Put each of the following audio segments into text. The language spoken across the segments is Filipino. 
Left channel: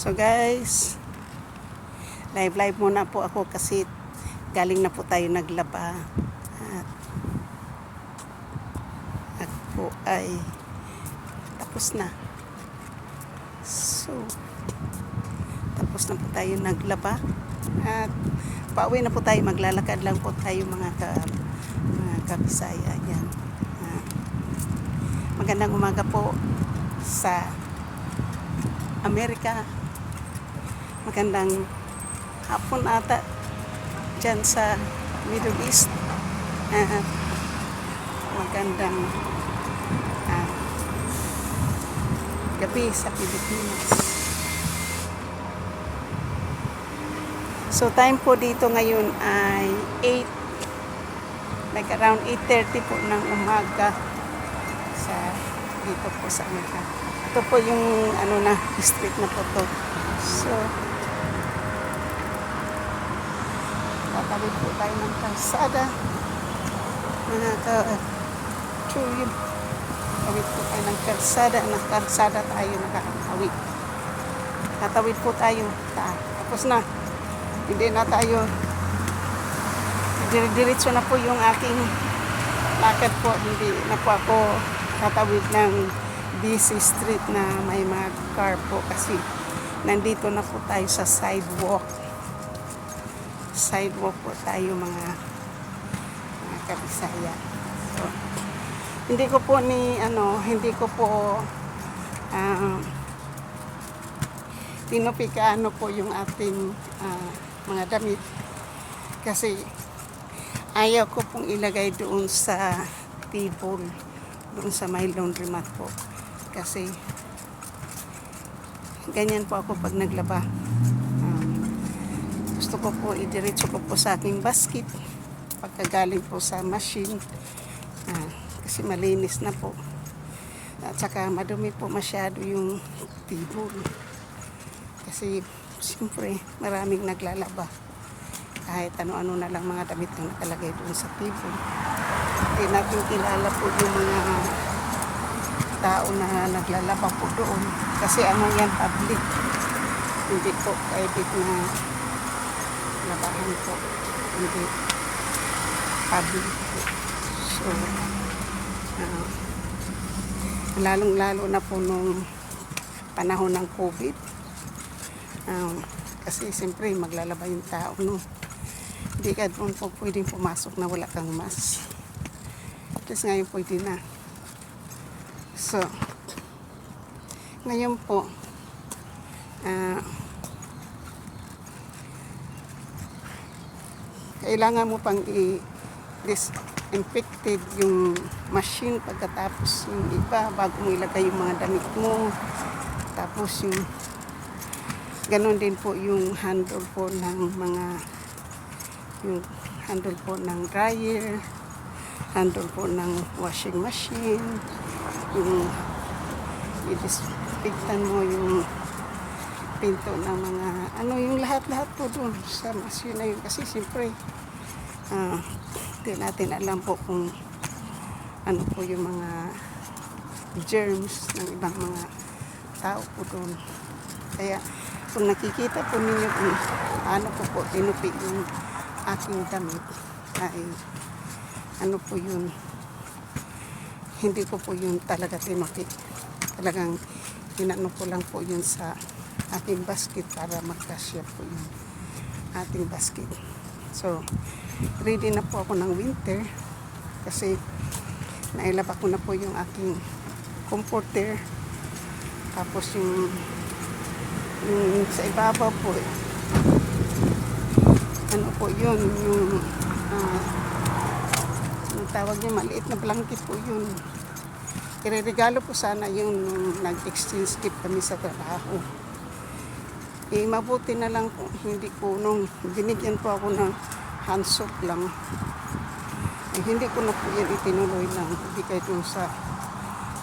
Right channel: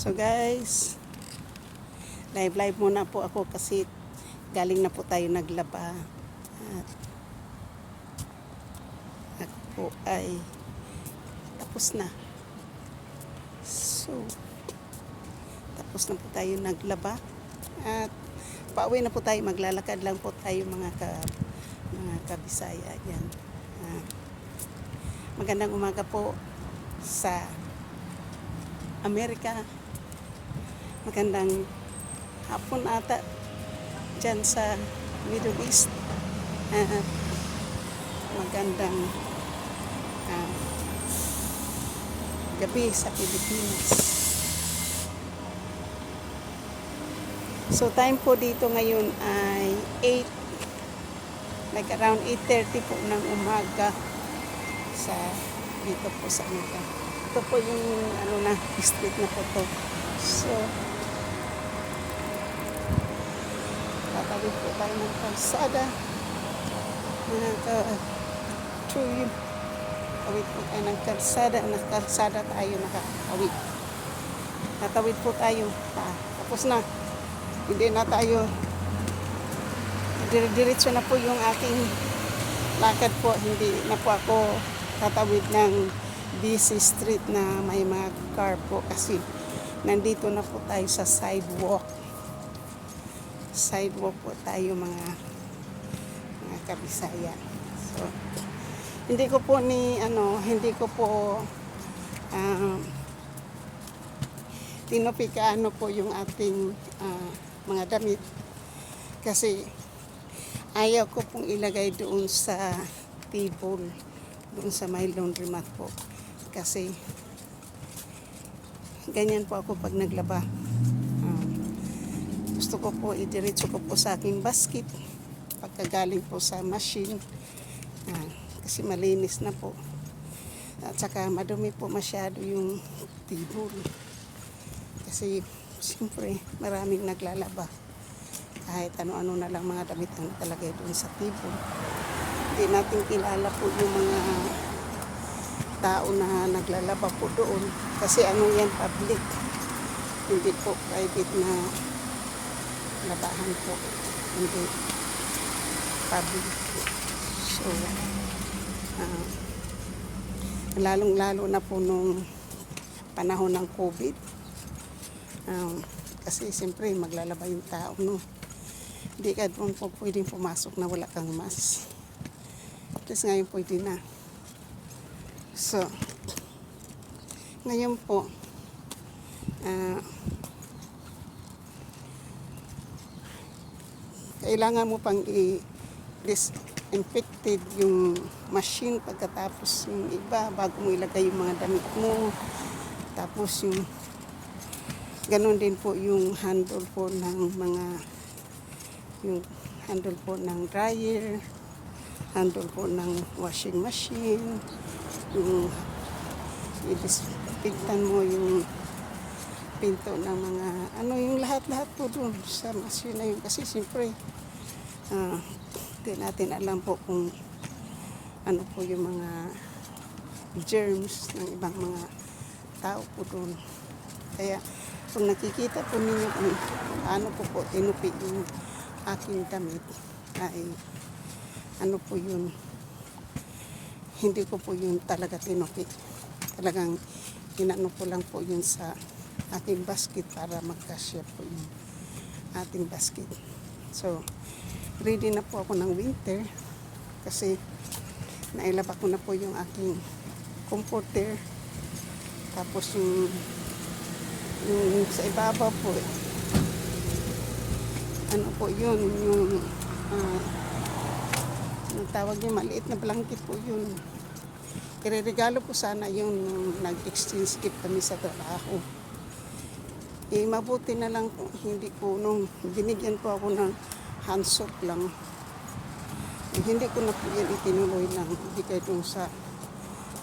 So guys, live muna po ako kasi galing na po tayo naglaba. At ako po ay tapos na. So, tapos na po tayo naglaba. At pauwi na po tayo, maglalakad lang po tayo mga kabisaya. Yan. Magandang umaga po sa Amerika. Magandang hapon ata dyan sa Middle East. Magandang gabi sa Pilipinas. So time po dito ngayon ay 8, like around 8:30 po ng umaga sa dito po sa Amerika. Ito po yung district na po to. So tatawid po tayo ng kalsada, mga ka-tuwid. Tatawid po tayo ng kalsada, tayo nakakawid. Tatawid po tayo, tapos na, hindi na tayo, diretso na po yung aking lakad po. Hindi na po ako tatawid ng busy street na may mga car po kasi nandito na po tayo sa sidewalk po tayo mga kabisaya. So, hindi ko po tinupikaano po yung ating mga damit kasi ayaw ko pong ilagay doon sa table, doon sa may laundromat po kasi ganyan po ako pag naglaba. Gusto ko po idiretso ko po sa aking basket pagkagaling po sa machine kasi malinis na po at saka madumi po masyado yung table kasi siyempre maraming naglalaba, kahit ano-ano na lang mga damit ang nakalagay doon sa table. Hindi natin kilala po yung mga tao na naglalaba po doon kasi yan public, hindi po private na labahan po, hindi public. So lalong-lalo na po nung panahon ng COVID, kasi siyempre maglalaba yung tao, no? Hindi ka doon po pwedeng pumasok na wala kang mask. Tapos ngayon pwede na. So ngayon po kailangan mo pang i-disinfected yung machine pagkatapos yung iba bago mo ilagay yung mga damit mo. Tapos yung ganon din po yung handle po ng handle po ng dryer, handle po ng washing machine, yung i-disinfectan mo yung pinto ng mga yung lahat po doon sa machine na yun kasi siyempre hindi natin alam po kung ano po yung mga germs ng ibang mga tao po doon. Kaya kung nakikita po ninyo kung paano po tinupi yung aking damit ay po yun, hindi ko po yun talaga tinupi, talagang tinano ko lang po yun sa ating basket para magkasya po yung ating basket. So ready na po ako ng winter kasi nailaba ko na po yung aking comforter, tapos yung sa ibabaw po po yun, yung tawag niya, maliit na blanket po yun. Ireregalo po sana yun nung nag-exchange gift kami sa trabaho. Mabuti na lang po, hindi po nung binigyan po ako ng hand soap lang. Hindi ko na po yan itinuloy lang, hindi kayo dun sa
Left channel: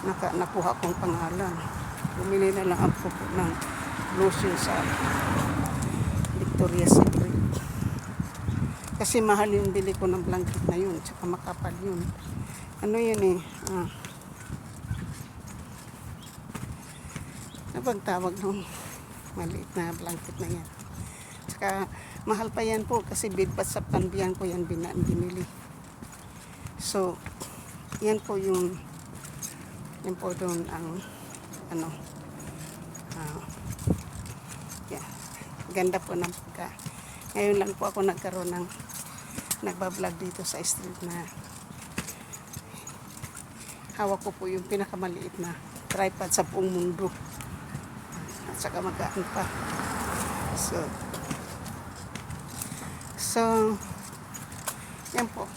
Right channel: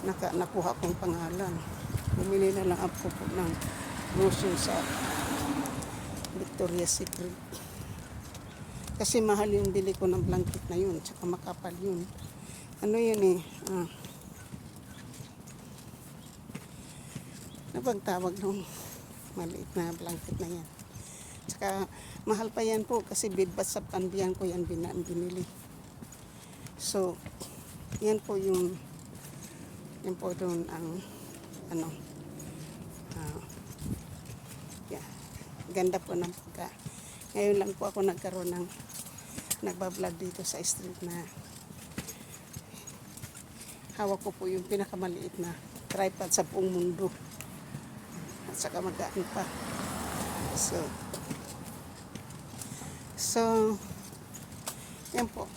nakuha kong pangalan. Bumili na lang ako ng lotion sa Victoria's Secret. Kasi mahal yung bili ko ng blanket na yun, tsaka makapal yun. Ano bang tawag nung maliit na blanket na yan. Saka mahal pa yan po kasi bidpat sa panbiyan ko yan binili. So, yan po doon ang ano, yeah, ganda po ng pagka. Ngayon lang po ako nagkaroon ng nagbablog dito sa street na hawak ko po yung pinakamaliit na tripod sa buong mundo. At saka magaan pa. So, yan po.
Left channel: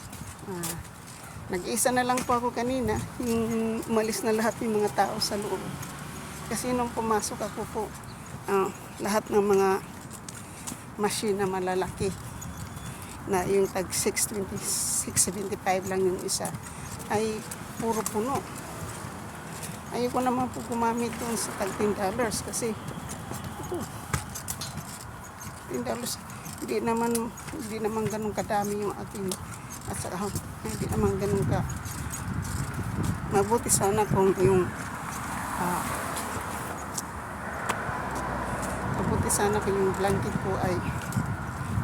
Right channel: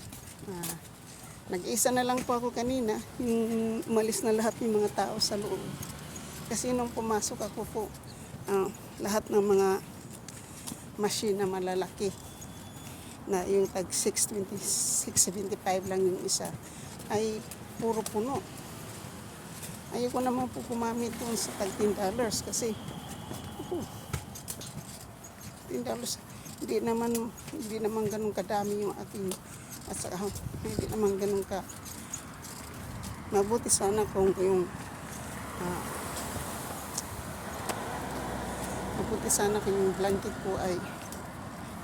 Nag-isa na lang po ako kanina, yung umalis na lahat yung mga tao sa loob. Kasi nung pumasok ako po, lahat ng mga machine na malalaki, na yung tag 675 lang yung isa, ay puro puno. Ayoko naman po gumamit doon sa tag $10 kasi $10, hindi naman ganun kadami yung aking at saka hindi naman ganun ka mabuti sana kung yung mabuti sana kung yung blanket po ay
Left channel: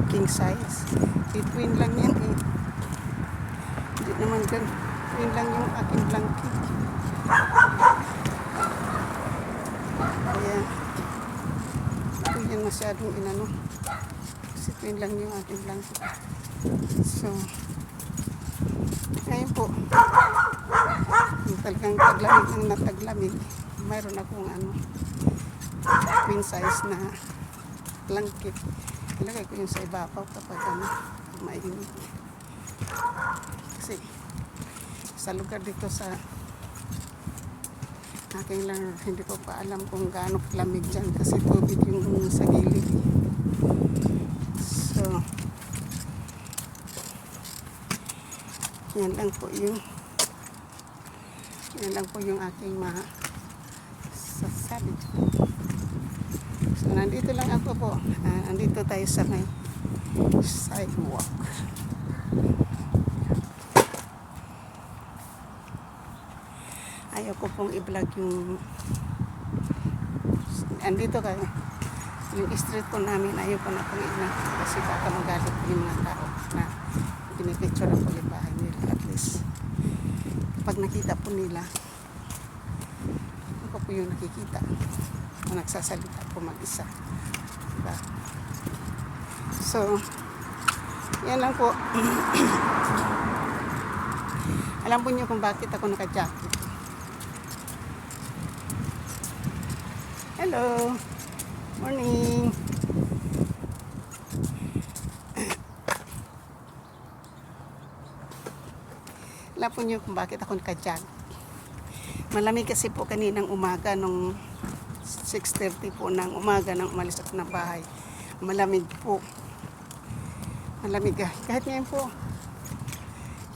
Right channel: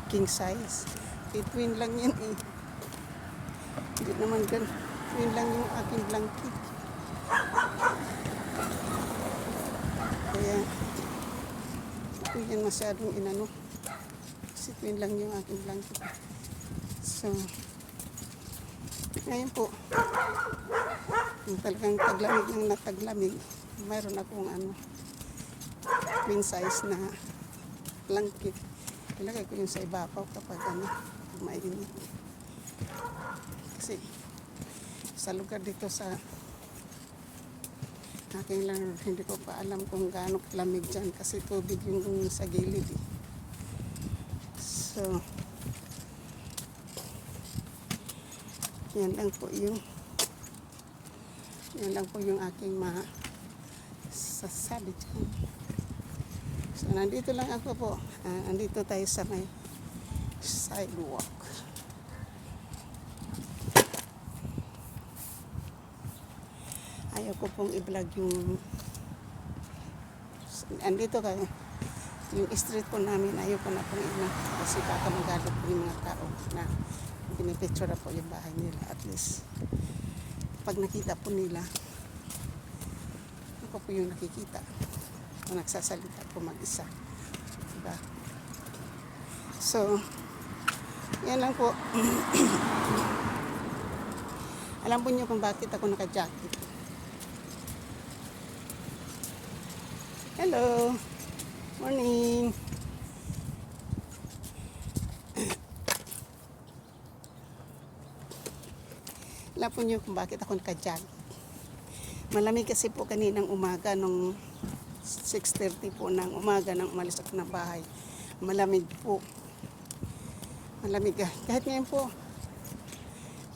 king size. Between lang yan eh. Hindi naman ganun. Yun lang yung aking blanket. Kaya hindi yan masyadong inano. Kasi yun lang yung aking blanket. So, ayun po. Yung talagang taglamig ng nataglamig. Mayroon akong queen size na blanket. Ilagay ko yung sa ibabaw kapag mainit. Kasi sa lugar dito sa aking lang, hindi ko pa alam kung gaano lamig dyan kasi tubig yung sa gilid. So, yan lang po yung aking masasabi. So, nandito lang ako po. Nandito tayo sa may sidewalk. Ayaw ko pong i-vlog yung andito kayo. Yung street po namin, ayaw ko na pong i-vlog kasi baka magalit yung mga tao na pinipicture na po yung bahay nila. At least, pag nakita po nila, ako po yung nakikita kung nagsasalita po mag-isa. Diba? So, yan lang po. Alam po niyo kung bakit ako naka-jacket. Hello! Morning! Alam po niyo kung bakit ako naka-jacket. Malamig kasi po kaninang umaga nung 6:30 po ng umaga nang umalis ako ng bahay. Malamig po. Malamig kahit ngayon po.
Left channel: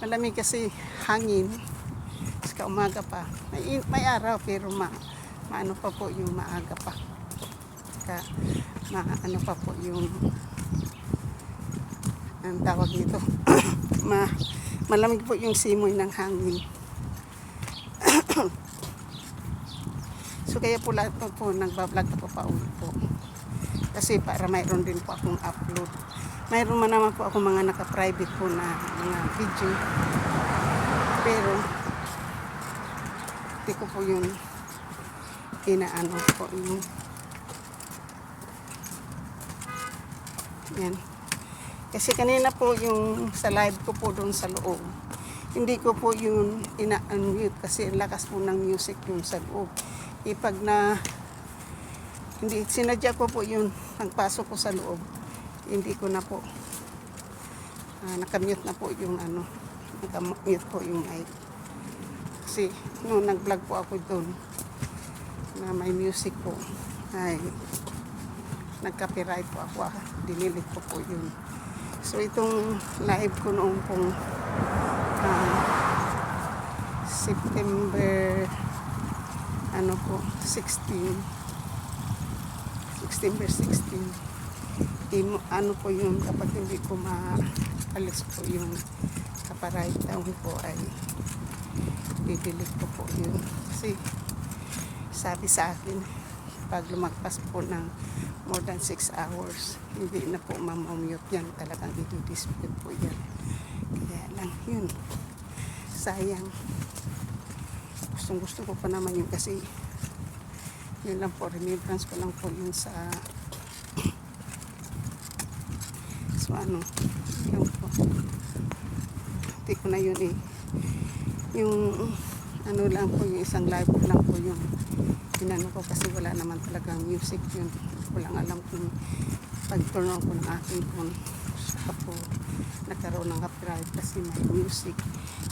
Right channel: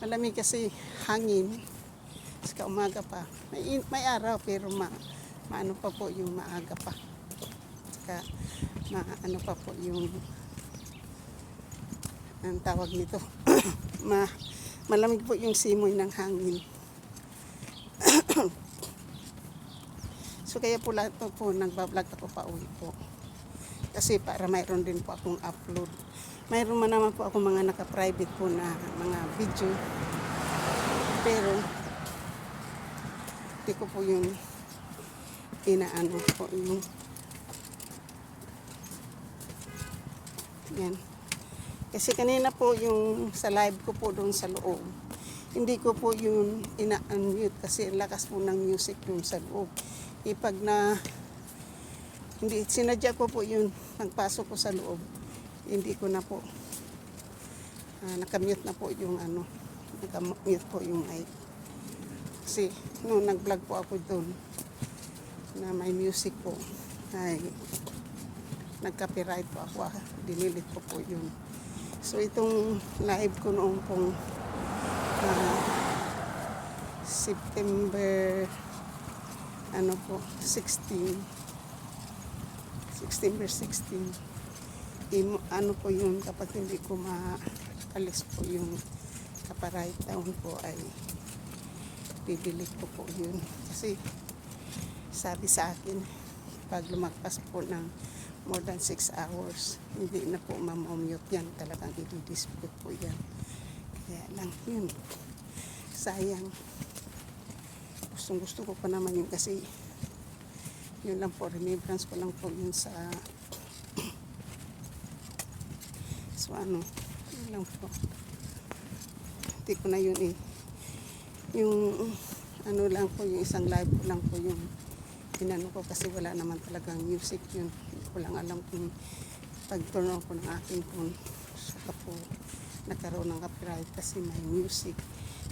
Malamig kasi hangin. Saka umaga pa. May araw pero maano pa po yung maaga pa. Saka maano pa po yung ang tawag dito. Malamig po yung simoy ng hangin. So kaya po lahat po nagbablog ako pa ulit po. Kasi para mayroon din po akong upload. Mayroon man naman po ako mga naka-private po na mga video. Pero hindi ko po yun inaano po yung yan. Kasi kanina po yung sa live ko po doon sa loob. Hindi ko po yun ina-unmute kasi lakas po ng music yung sa loob. Ipag na hindi sinadya ko po yun pagpasok ko sa loob, hindi ko na po nakamute na po yung nakamute po yung mic kasi no, nag-vlog po ako doon na may music po ay nag-copyright po ako, dinilit ko po yun. So itong live ko noong pong September 16 ano po yung kapag hindi ko maalis po yung copyright down po ay bibilit ko po yun kasi sabi sa akin pag lumagpas po ng more than 6 hours, hindi na po mamamute yan. Talagang i-display po yan. Kaya lang yun. Sayang. Gusto ko pa naman yun kasi yun lang po, remembrance ko lang po yun sa so ano, yun po. Hindi ko na yun eh. Yung ano lang po, yung isang live lang po yung pinano ko kasi wala naman talagang music yun. Walang alam kung pag-turn on ko ng aking phone. Saka po nagkaroon ng copyright kasi may music.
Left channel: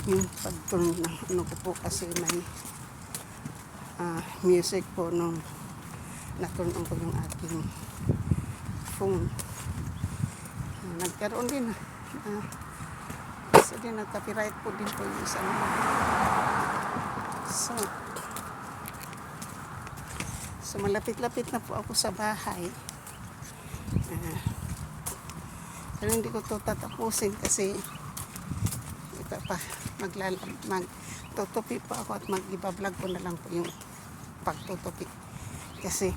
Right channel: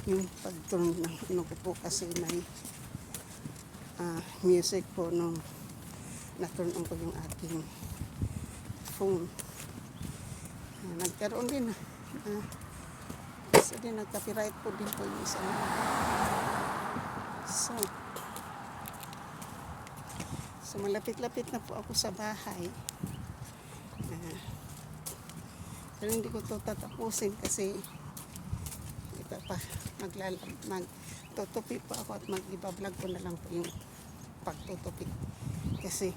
Yung pag-turn ng ano ko po kasi may music po nung na-turn on ko yung aking phone. Nagkaroon din kasi din nag-copyright po din po yung isang so malapit-lapit na po ako sa bahay. Pero hindi ko to tatapusin kasi ito pa magtutupi pa ako at mag-iba-vlog ko na lang po yung pagtutupi kasi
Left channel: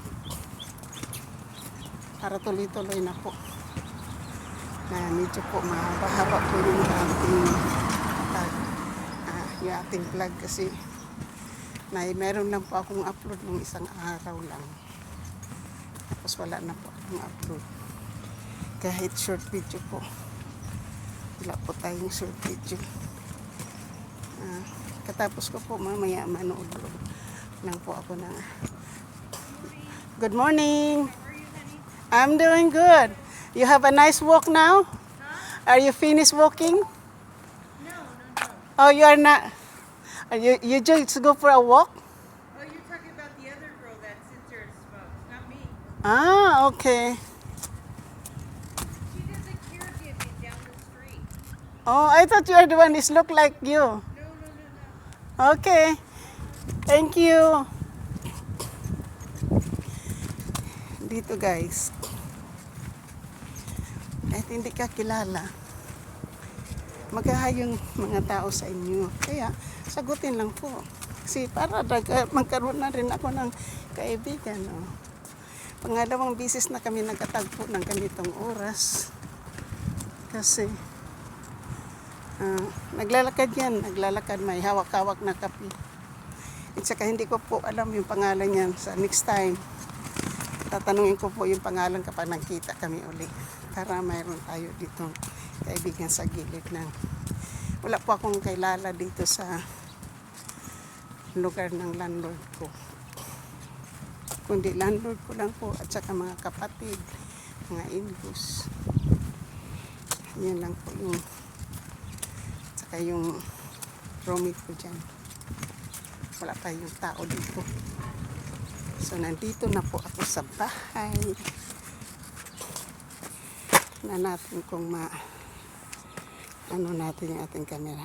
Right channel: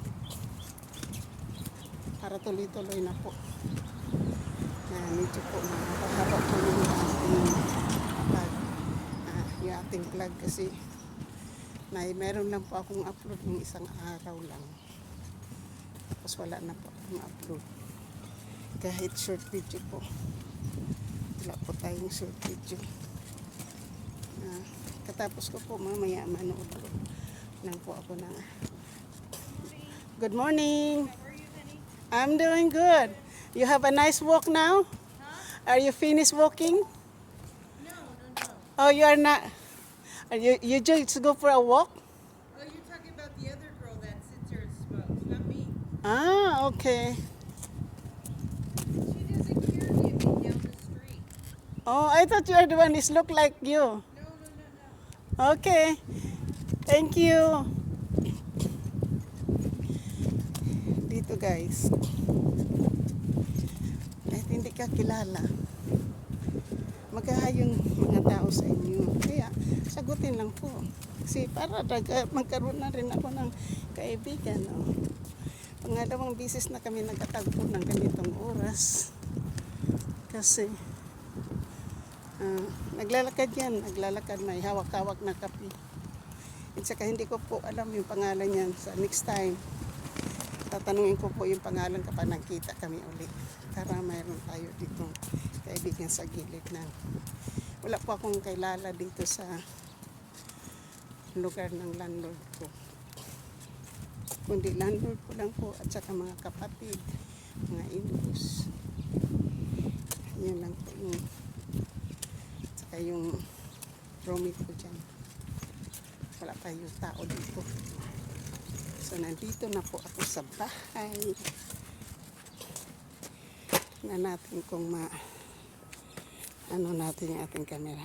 para tuloy-tuloy na po na medyo po mahaba-haba po yung ating vlog kasi meron lang po akong upload ng isang araw lang tapos wala na po akong upload kahit short video po wala po tayong short video. Katapos ko po mamaya manood lang po ako na good morning. I'm doing good. You have a nice walk now? Are you finished walking? No. Oh, you are not. Are you just go for a walk? Oh, you're talking about the other girl that sits here and smokes, not me. Ah, okay. She doesn't care if you down the street. Oh, I thought you are the one who look like you. No. Okay. Thank you. Dito guys. Kahit hindi ka kilala, maghaha yung mga tao sa inyo. Kaya, sagutin lang po. Kasi para magkaroon na rin ako ng kaibigan. Oh. Pangalawang bisis na kami nagkatagpo ng ganitong oras. Kasi, naglalakad yan. Naglalakad, may hawak-hawak na kape. At saka hindi ko po alam yung pangalan yan. Sa next time, tatanungin ko po yung pangalan kapag nagkita kami uli. Para mayroon tayo dito kaibigan sa gilid ng wala po akong kailala dito sa lugar ng landlord ko, kundi landlord ko lang po at saka mga kapatid, mga in-laws. Yun lang po yung at saka yung roommate ko dyan. Wala pa yung tao dito. So nandito na po ako sa bahay na natin kung ano natin yung ating camera.